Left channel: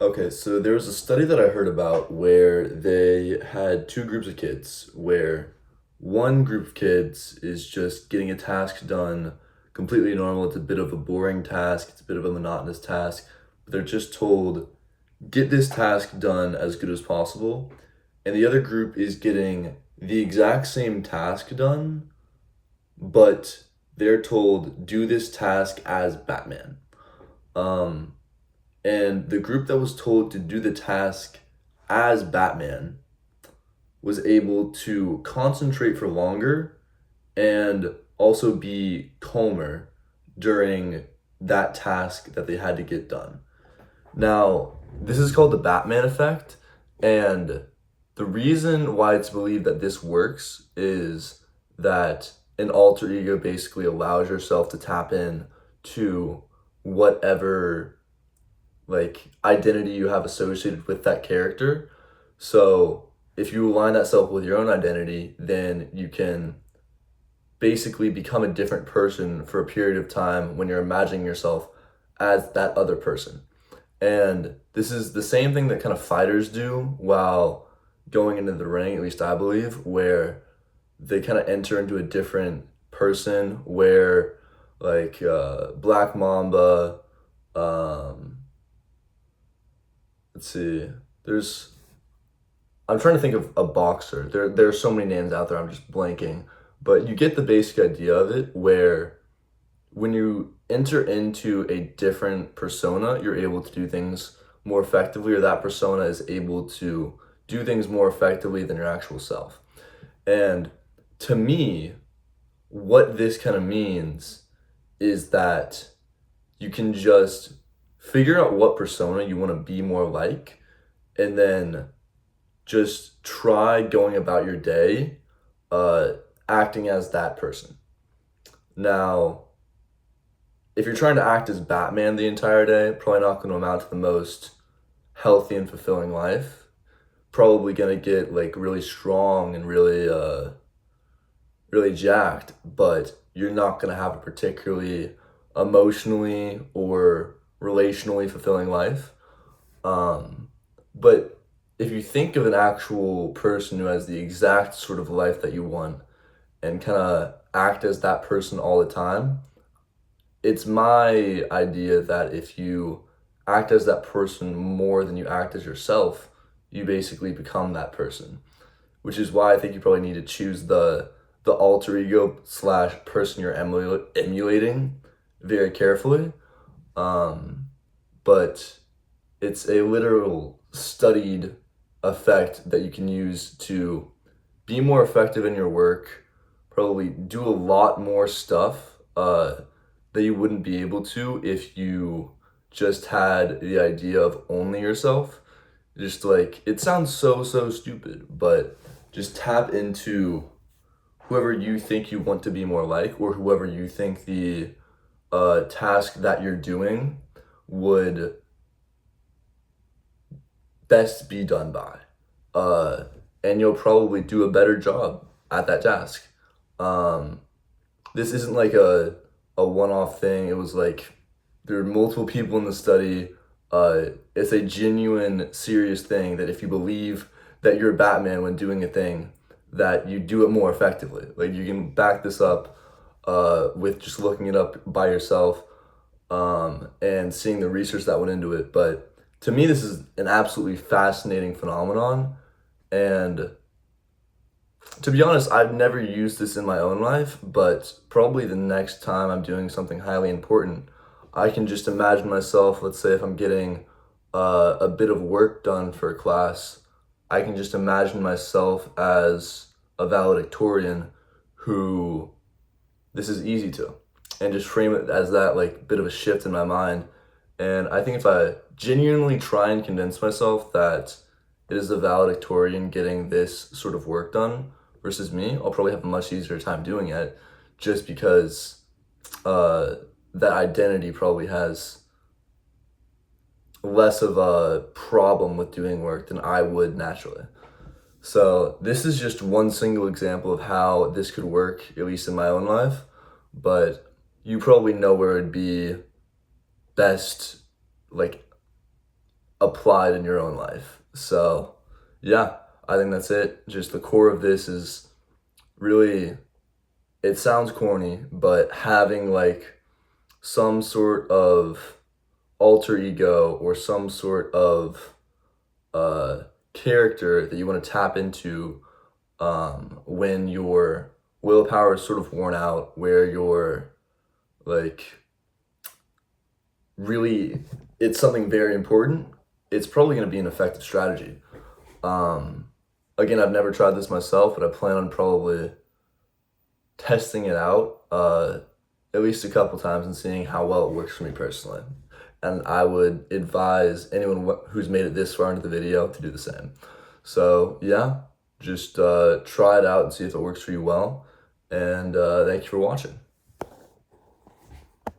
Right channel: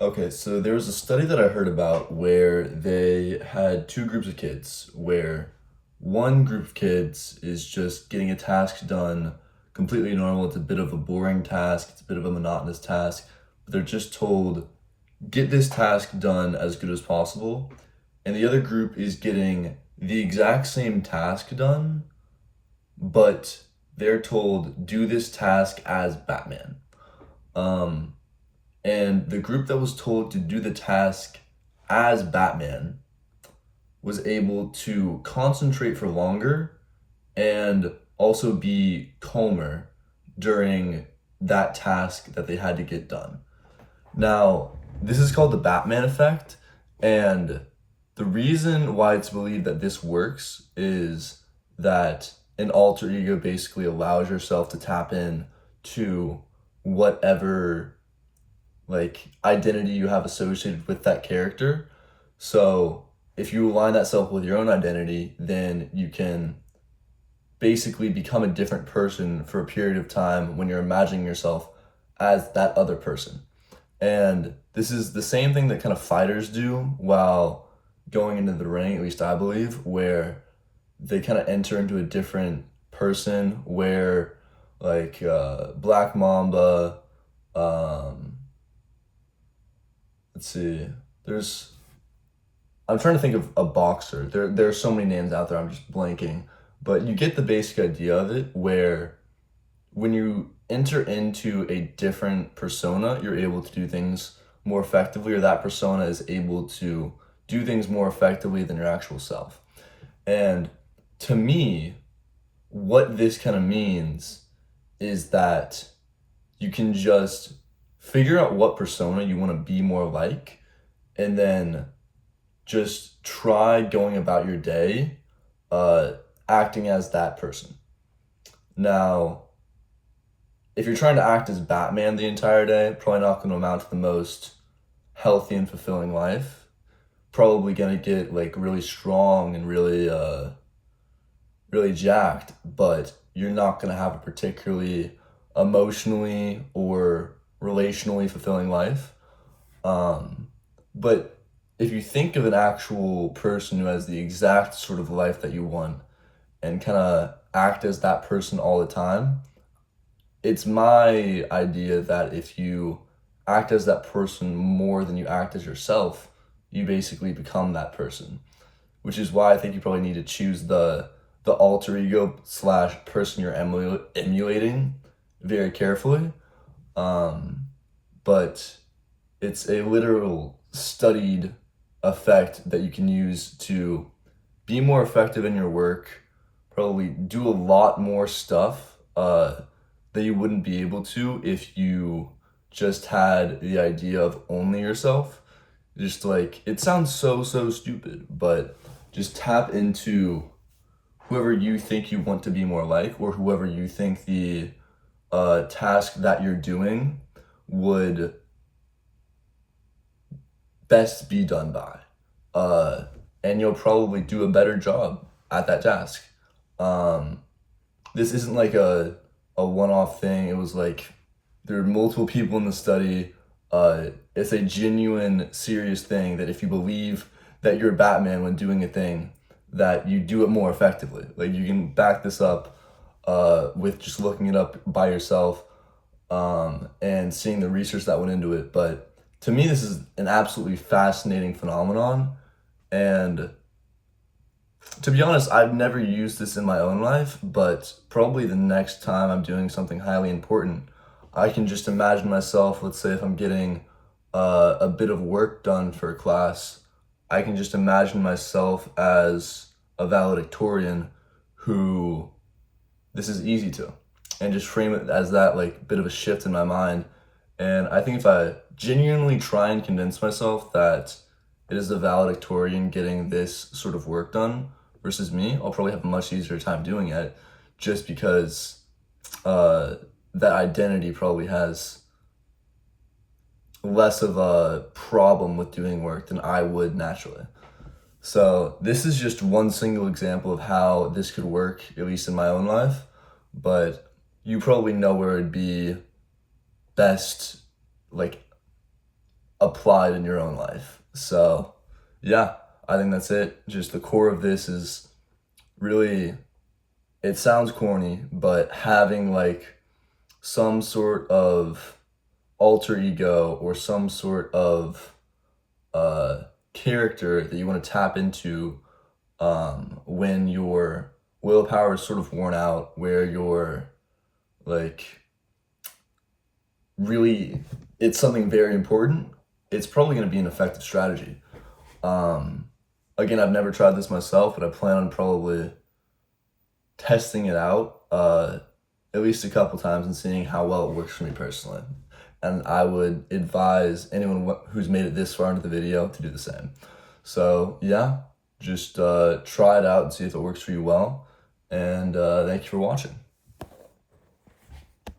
Okay, so there was a study that I heard about where they had two groups of kids, where one group of kids is just getting a task done completely normal. It's a bit of a boring task, it's a bit of a monotonous task, but they're just told, get this task done as good as possible. And the other group is getting the exact same task done, but they're told, do this task as Batman. Um, and the group that was told to do the task as Batman was able to concentrate for longer and also be calmer during that task that they had to get done. Now, this is called the Batman effect, and the reason why it's believed that this works is that an alter ego basically allows yourself to tap in to whatever like identity you have associated with that character. So if you align that self with your own identity, then you can basically become a different person for a period of time when you're imagining yourself as that other person. And this is the same thing that kind of fighters do while going into the ring, at least I believe, where they kind of enter into a different person where Black Mamba, um, let's see. There's I'm trying to think of a boxer. There are so many names out there. I'm just blanking, but you get the basic idea of it. Where when you enter into a different persona, you're able to do things more effectively, or that persona is able to do things more effectively than your actual self. And to me, what this kind of means is that you can just figure out what persona you want to be more like, and then just try going about your day uh, acting as that person. Now, if you're trying to act as Batman the entire day, probably not going to amount to the most healthy and fulfilling life. Probably going to get like really strong and really jacked, but you're not going to have a particularly emotionally or relationally fulfilling life. Um, but if you think of an actual person who has the exact sort of life that you want and kind of act as that person all the time, it's my idea that if you act as that person more than you act as yourself, you basically become that person. Which is why I think you probably need to choose the alter ego slash person you're emulating very carefully. Um, but it's a literal studied effect that you can use to be more effective in your work, probably do a lot more stuff that you wouldn't be able to if you just had the idea of only yourself. Just like, it sounds so stupid, but just tap into whoever you think you want to be more like, or whoever you think the task that you're doing would best be done by. Uh, and you'll probably do a better job at that task. Um, this isn't like a one off thing. It was like there are multiple people in the study. It's a genuine, serious thing that if you believe that you're Batman when doing a thing, that you do it more effectively. Like you can back this up with just looking it up by yourself and seeing the research that went into it. But to me, this is an absolutely fascinating phenomenon. And to be honest, I've never used this in my own life, but probably the next time I'm doing something highly important, I can just imagine myself, let's say if I'm getting a bit of work done for a class, I can just imagine myself as a valedictorian who this is easy to, and just frame it as that like bit of a shift in my mind. And I think if I genuinely try and convince myself that it is the valedictorian getting this sort of work done versus me, I'll probably have a much easier time doing it, just because uh, that identity probably has less of a problem with doing work than I would naturally. So this is just one single example of how this could work, at least in my own life. But you probably know where it'd be best, like applied in your own life. So yeah, I think that's it. Just the core of this is really, it sounds corny, but having like some sort of alter ego or some sort of character that you want to tap into when your willpower is sort of worn out, where you're like really, it's something very important, it's probably going to be an effective strategy. Um, Again, I've never tried this myself, but I plan on probably testing it out at least a couple times and seeing how well it works for me personally. And I would advise anyone who's made it this far into the video to do the same. So yeah, just try it out and see if it works for you well. And thank you for watching.